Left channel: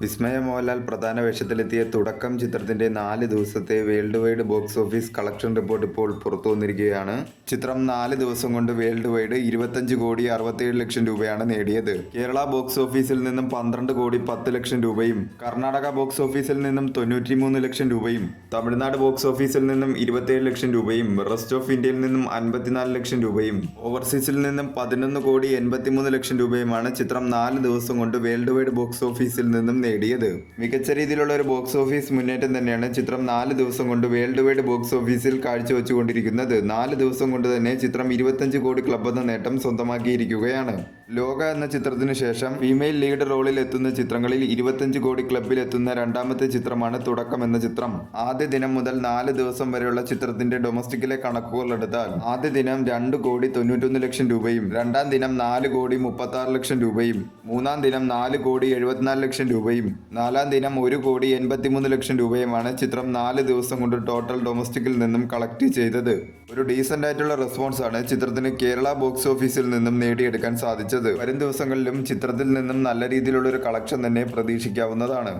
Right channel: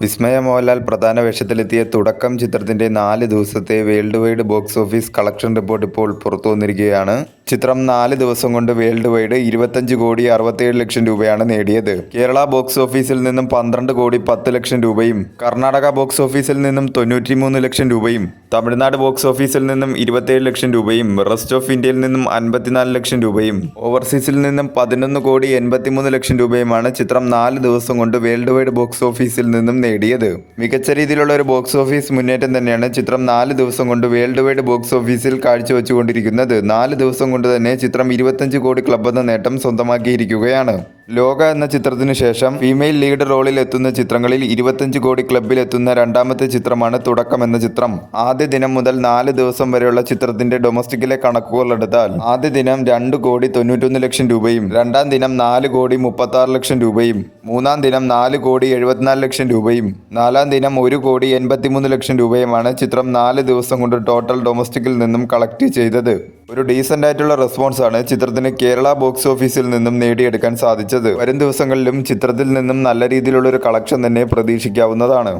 വിസ്മയ മോഹൻലാൽ പ്രധാന വേഷത്തിലെത്തിയ തുടക്കം ചിത്രത്തിന്റെ 4 ദിവസത്തെ world wide box office collection report ഇപ്പോൾ പുറത്തു വന്നിരിക്കുകയാണ്. ചിത്രം 4 ദിവസം കൊണ്ട് വേൾഡ് വൈഡ് 25,67,00,000 രൂപയാണ് നേടിയത്. കേരള ബോക്സ് ഓഫീസിൽ നിന്നും 12,10,00,000 രൂപയും കർണാടക ബോക്സ് ഓഫീസിൽ നിന്നും 93 ലക്ഷം രൂപയും തമിഴ്നാട് ബോക്സ് ഓഫീസിൽ നിന്നും 27 ലക്ഷം രൂപയും റെസ്റ്റ് ഓഫ് ഇന്ത്യയിൽ നിന്നും 54 ലക്ഷം രൂപയും ഓവർസീസിൽ നിന്നും 11,83,00,000 രൂപയുമാണ് ചിത്രം 4 ദിവസം കൊണ്ട് വേൾഡ് വൈഡ് ബോക്സ് ഓഫീസിൽ നിന്നും നേടിയത്. മികച്ച രീതിയിലുള്ള ഒരു ബോക്സ് ഓഫീസ് മുന്നേറ്റം തന്നെയാണ് ചിത്രം 4 ദിവസം കൊണ്ട് വേൾഡ് വൈഡ് ബോക്സ് ഓഫീസിൽ കാഴ്ചവെച്ചുകൊണ്ടിരിക്കുന്നത്. 4 ദിവസം കൊണ്ട് തന്നെ ചിത്രം 25 കോടി ക്ലബ് എന്ന നേട്ടം സ്വന്തമാക്കിയിരിക്കുകയാണ്. ലോക എന്ന ചിത്രത്തിനു ശേഷം ഫീമെയിൽ ലീഡ് റോളിൽ എത്തുന്ന ചിത്രങ്ങളിൽ 25 കോടി ക്ലബിൽ എത്തുന്ന രണ്ടാമത്തെ ചിത്രമാണ് തുടക്കം എന്ന ചിത്രം. ആദ്യ ദിനം മുതൽ 4 ദിവസം വരെയുള്ള ചിത്രത്തിന്റെ ഡൊമസ്റ്റിക്കിലെ കണക്കുകൾ എടുത്താൽ ആദ്യ ദിനം 2,91,00,000 രൂപയും രണ്ടാം ദിനം 4,36,00,000 രൂപയും മൂന്നാം ദിനം 4,74,00,000 രൂപയും നാലാം ദിനം 1,83,00,000 രൂപയുമാണ് ചിത്രം 4 ദിവസം കൊണ്ട് ടോട്ടൽ ഡൊമസ്റ്റിക്കിൽ നിന്നും കളക്ട് ചെയ്തത്. ഒരു ഡീസന്റ് ആയിട്ടുള്ള റെസ്പോൺസ് ആണ് ചിത്രത്തിന് കേരള ബോക്സ് ഓഫീസിൽ നിന്നും നേടിയെടുക്കാൻ സാധിച്ചത്. വരും ദിവസങ്ങളിലും ചിത്രത്തിൽ നിന്നും നല്ല രീതിയിലുള്ള ഒരു കളക്ഷൻ തന്നെ പ്രതീക്ഷിക്കാവുന്നതാണ്.